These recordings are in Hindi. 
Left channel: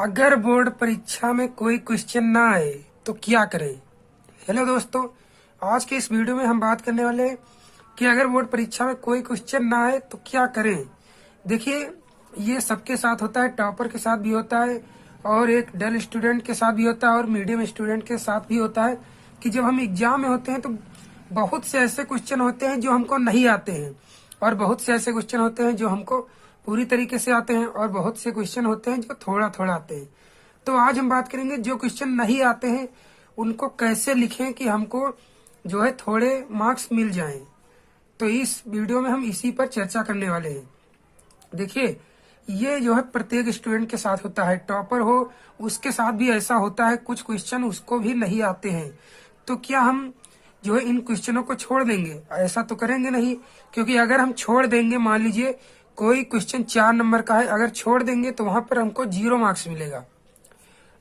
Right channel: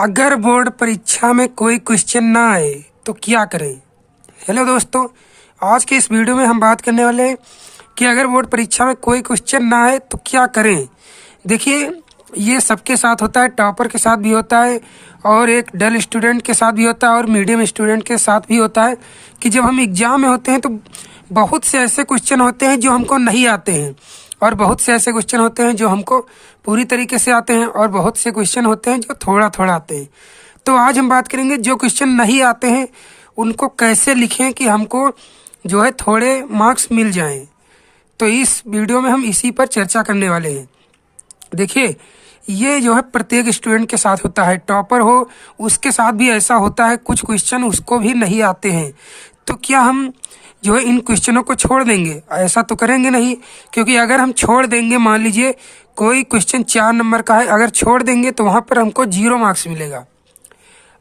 अगर बोर्ड परीक्षा में कोई क्वेश्चन ना आए तो क्या करें। हेलो दोस्तों, आज के इस वीडियो में हम बात करने वाले हैं कि अगर बोर्ड परीक्षा में कोई क्वेश्चन ना आए तो क्या करें। देखिए, ये सबके साथ होता है, टॉपर के साथ भी होता है और एक डल स्टूडेंट के साथ भी होता है और मीडियम स्टूडेंट के साथ भी होता है कि जब हम एग्जाम में होते हैं तो बहुत से ऐसे क्वेश्चन होते हैं जो हमको नहीं आते हैं और बहुत से ऐसे क्वेश्चन होते हैं जो हमको पूरी तरीके से आते हैं और बहुत से क्वेश्चन होते हैं जो थोड़ा थोड़ा आते हैं। तो आज हम बात करेंगे जो क्वेश्चन नहीं आते हैं उनको कैसे लिखें कि हमको जो है थोड़े मार्क्स मिल जाएं। तो इस वीडियो में हम इसी पर चर्चा करने वाले हैं। देखिए, ये जो है प्रत्येक स्टूडेंट के साथ होता है, टॉपर हो उसके साथ भी ऐसा होता है, कुछ क्वेश्चन उसको भी नहीं आते हैं। तो क्या हम जो है इन क्वेश्चनों को छोड़ देंगे? ऐसा तो करेंगे नहीं, क्योंकि अगर हम छोड़ देंगे, मान लीजिए कोई क्वेश्चन 4 नंबर का है, अगर छोड़ देंगे तो वहाँ पर हमको 0 मार्क्स मिलेगा।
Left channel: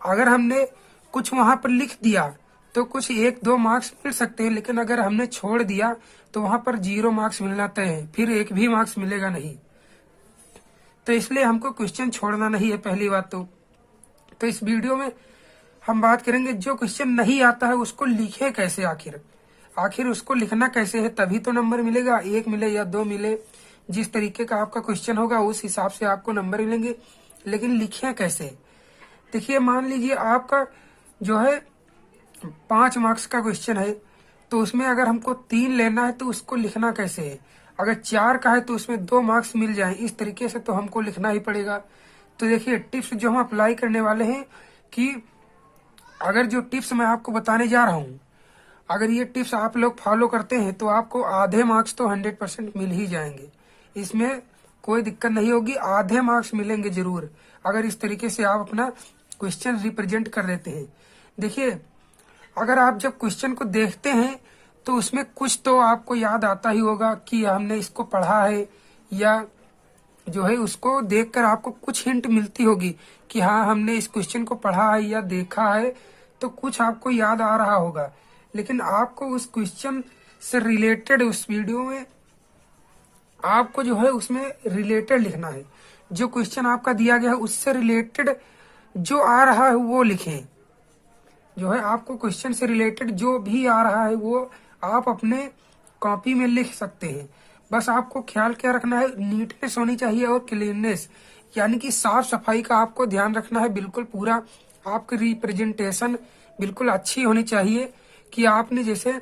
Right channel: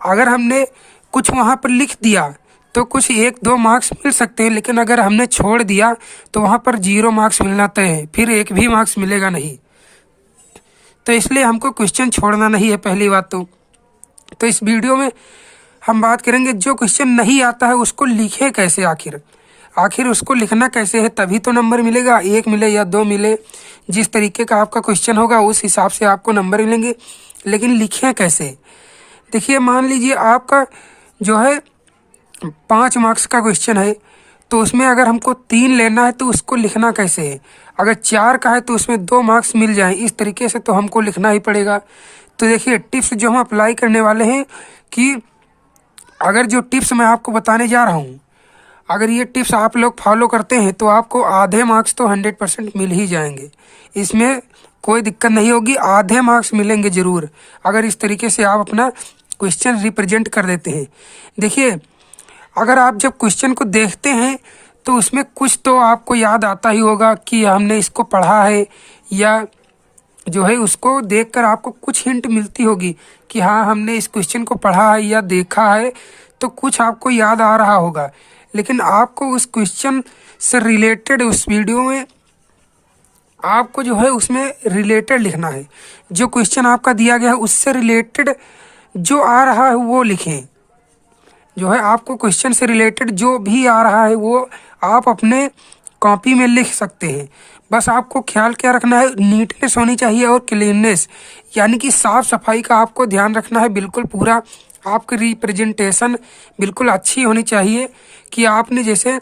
अगर हमने कुछ वहाँ पर लिख दिया तो कुछ 1-2 मार्क्स मिल सकते हैं, लेकिन अगर हमने छोड़ दिया तो वहाँ पर 0 मार्क्स मिलना तय है, फिर एक भी मार्क्स मिलेगा नहीं। तो इसलिए हमको क्वेश्चन छोड़ना नहीं है। पहली बात तो इस वीडियो में हम बात करेंगे जो क्वेश्चन नहीं आता है उसको लिखे कैसे, आखिर उसको लिखना कैसे है, तभी तो नंबर मिलेगा। 1 मिले या 2 मिले, जिस तरीके का आपका क्वेश्चन होगा उस हिसाब से आपको नंबर मिलेंगे, लेकिन लिखें कैसे। देखिए, मान लीजिए आपका जो है 5 मार्क्स का क्वेश्चन है, तो उसमें अगर हमको 3 लेना है तो उसको लिखना कैसे है। अगर 4 का है तो उसमें 2 मार्क्स मिल जाएं, इस तरीके से तो हमको लिखना ही पड़ेगा। तो देखिए, टिप्स जो हम अप्लाई करने वाले हैं कि अगर जो टिप्स मैं आपको बताने जा रहा हूँ, अगर ये टिप्स आप लोग फॉलो करते हैं तो आपको आधे मार्क्स तो 100% मिल ही जाएंगे। इसमें कोई दिक्कत नहीं होगी, आधे मार्क्स मिलेंगे ज़रूर, अगर इस तरीके से आप अपना क्वेश्चन रिप्रेजेंट कर देते हैं। देखिए, अगर आप जब क्वेश्चन को देखते हैं तो उसमें कुछ तो आपको याद आता ही होगा कि हमने इसको पढ़ा है, या जो है उसको देखकर आपको कुछ हिंट मिलती होगी कि हाँ, हमने इस क्वेश्चन को पढ़ा है या देखा है, तो कुछ आपको याद आ रहा होगा। लेकिन आपको उस क्वेश्चन से रिलेटेड उस वीडियो में आपको जो है उसमें रिलेटेड लिखना है। जो क्वेश्चन आपका दिया गया है उससे रिलेटेड जो आ रहा है वो लिखें। जो है आपको क्वेश्चन से रिलेटेड जो भी आ रहा है वो आप अपने कॉपी में लिख सकते हैं। बस आपको ख्याल क्या रखना है, नीटनेस होनी चाहिए और क्लीननेस, यानी कि साफ सफाई का आपको ध्यान रखना है। बिल्कुल पूरा आपकी रिप्रेजेंटेशन बिल्कुल अच्छी होनी चाहिए कि आपने जैसे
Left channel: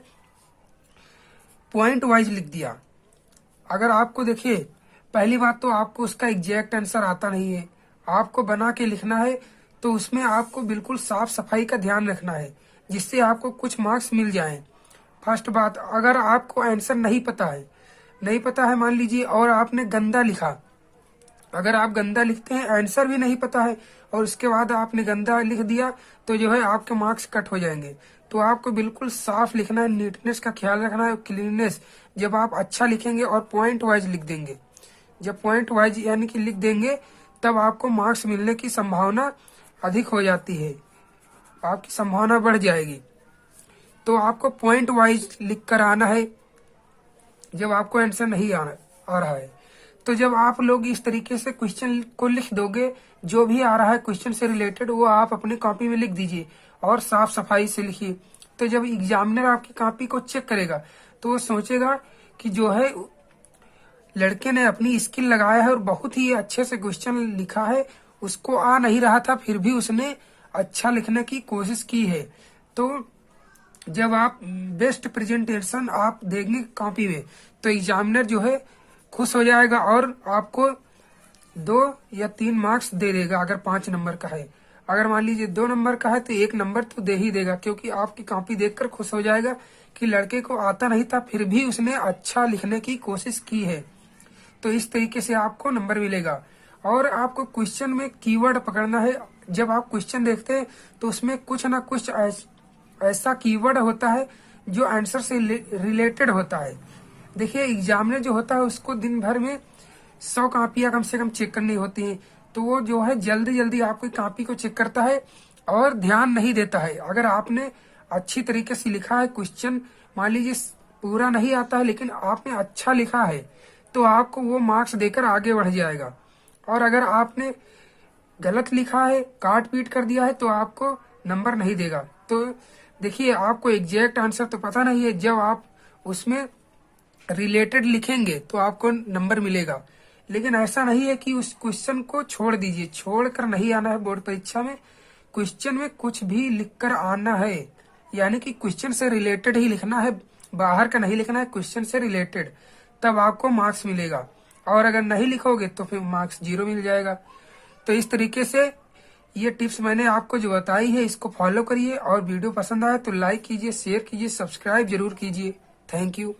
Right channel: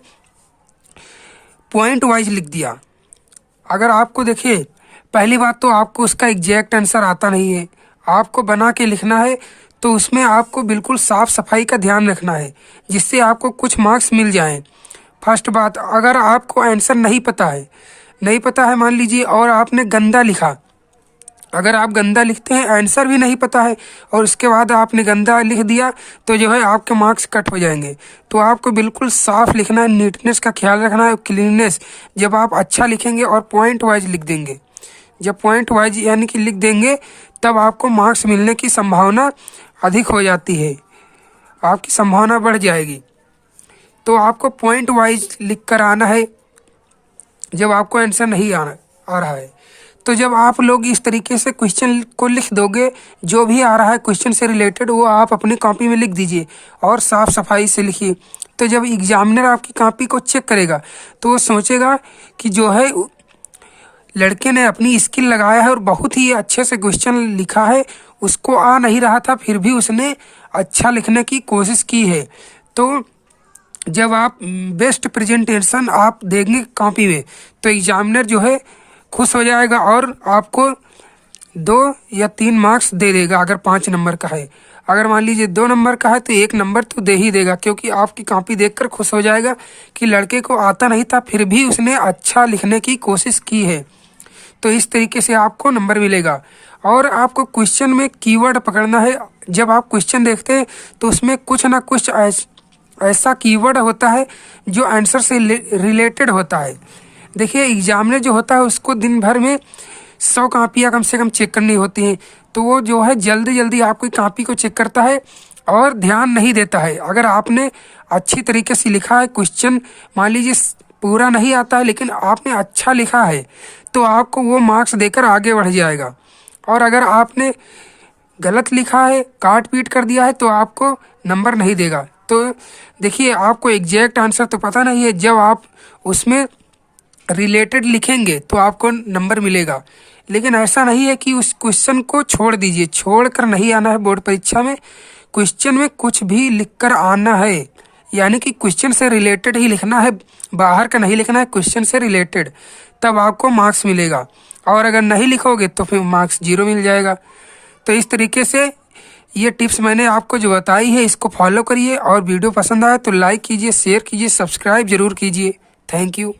पॉइंट वाइज लिख दिया। अगर आपको देखिए, पहली बात तो आपको उसका एग्जैक्ट आंसर आता नहीं है, आपको बना के लिखना है, तो उसमें आपको बिल्कुल साफ सफाई का ध्यान रखना है जिससे आपको कुछ मार्क्स मिल जाएं। फर्स्ट बात, अगर आपको आंसर नहीं पता है मान लीजिए, और आपने गंदा लिखा, अगर आप गंदा लिखते हैं, आंसर भी नहीं पता है और उसके बाद आपने गंदा लिख दिया, तो जो है आपके मार्क्स कट हो जाएंगे। तो आपको बिल्कुल साफ लिखना है, नीटनेस का ख्याल रखना है, क्लीननेस। जब आप अच्छा लिखेंगे और पॉइंट वाइज लिख देंगे, जब पॉइंट वाइज यानी कि लिख देंगे, तब आपको मार्क्स मिलने की संभावना अधिक हो जाती है, आपकी संभावना बढ़ जाएगी। तो आपको पॉइंट वाइज लिख कर आना है जब आपको आंसर नहीं आ रहा है। तो जब आप लोग इस तरीके से क्वेश्चन को लिख दोगे, जो भी आ रहा है क्वेश्चन से रिलेटेड वो आप अपनी कॉपी में लिख दीजिए और साफ सफाई से लिखिए। तो जब एग्जामिनर आपकी कॉपी को चेक करेगा तो वो सोचेगा कि जो है लड़के ने अपनी स्किल लगाया है और बहुत ही अच्छे से क्वेश्चन लिखा है, उसको आ नहीं रहा था फिर भी उसने अच्छा लिखने की कोशिश की है। तो जब आप बेस्ट प्रेजेंटेशन आप देंगे कॉपी में तो एग्जामिनर जो है खुश हो जाएगा और आपको 2 या 3 मार्क्स दे देगा। अगर 5 नंबर का है, अगर मान लीजिए 2 नंबर का है तो 1 नंबर तो दे ही देगा, क्योंकि आपकी कॉपी देखकर खुश हो जाएगा कि लड़के को आता नहीं था फिर भी उसने अच्छा लिखने की कोशिश की है। तो इस तरीके से आपको नंबर मिलेगा। और आपको क्वेश्चन में कीवर्ड पकड़ना है। जब आप क्वेश्चन देखते हैं तो उसमें कुछ ना कुछ ऐसा कीवर्ड होता है जो आंसर से रिलेटेड होता है। देखिए, एग्जामिनर जो होता है उसको दिन भर में 100 कापियाँ कम से कम चेक करनी होती हैं, तो वो जो है जल्दी जल्दी आपकी कॉपी को चेक करता है और ध्यान नहीं देता है। अगर आपने अच्छी तरीके से लिखा है क्वेश्चन, मान लीजिए पूरा नहीं आता है लेकिन आपने अच्छा लिखा है, तो आपको वो मार्क्स देकर आगे बढ़ जाएगा। और अगर आपने गलत लिखा है, काट पीट कर दिया है तो आपको नंबर नहीं देगा। तो देखिए, आपको एग्जैक्ट आंसर तो पता नहीं है, जब आप उसमें रिलेटेड लिखेंगे तो आपको नंबर मिलेगा। लेकिन ऐसा नहीं है कि उस क्वेश्चन को छोड़ दीजिए, छोड़ कर नहीं आना है बोर्ड परीक्षा में। क्वेश्चन में कुछ भी लिख कर आना है, यानी कि क्वेश्चन से रिलेटेड ही लिखना है, बाहर का नहीं लिखना है, क्वेश्चन से रिलेटेड, तब आपको मार्क्स मिलेगा। और अगर नहीं लिखोगे तो फिर मार्क्स 0 मिल जाएगा। तो इस तरीके से ये टिप्स मैंने आपको जो बताई है, इसको फॉलो करिए। और वीडियो पसंद आए तो लाइक कीजिए, शेयर कीजिए, सब्सक्राइब जरूर कीजिए। Thank you.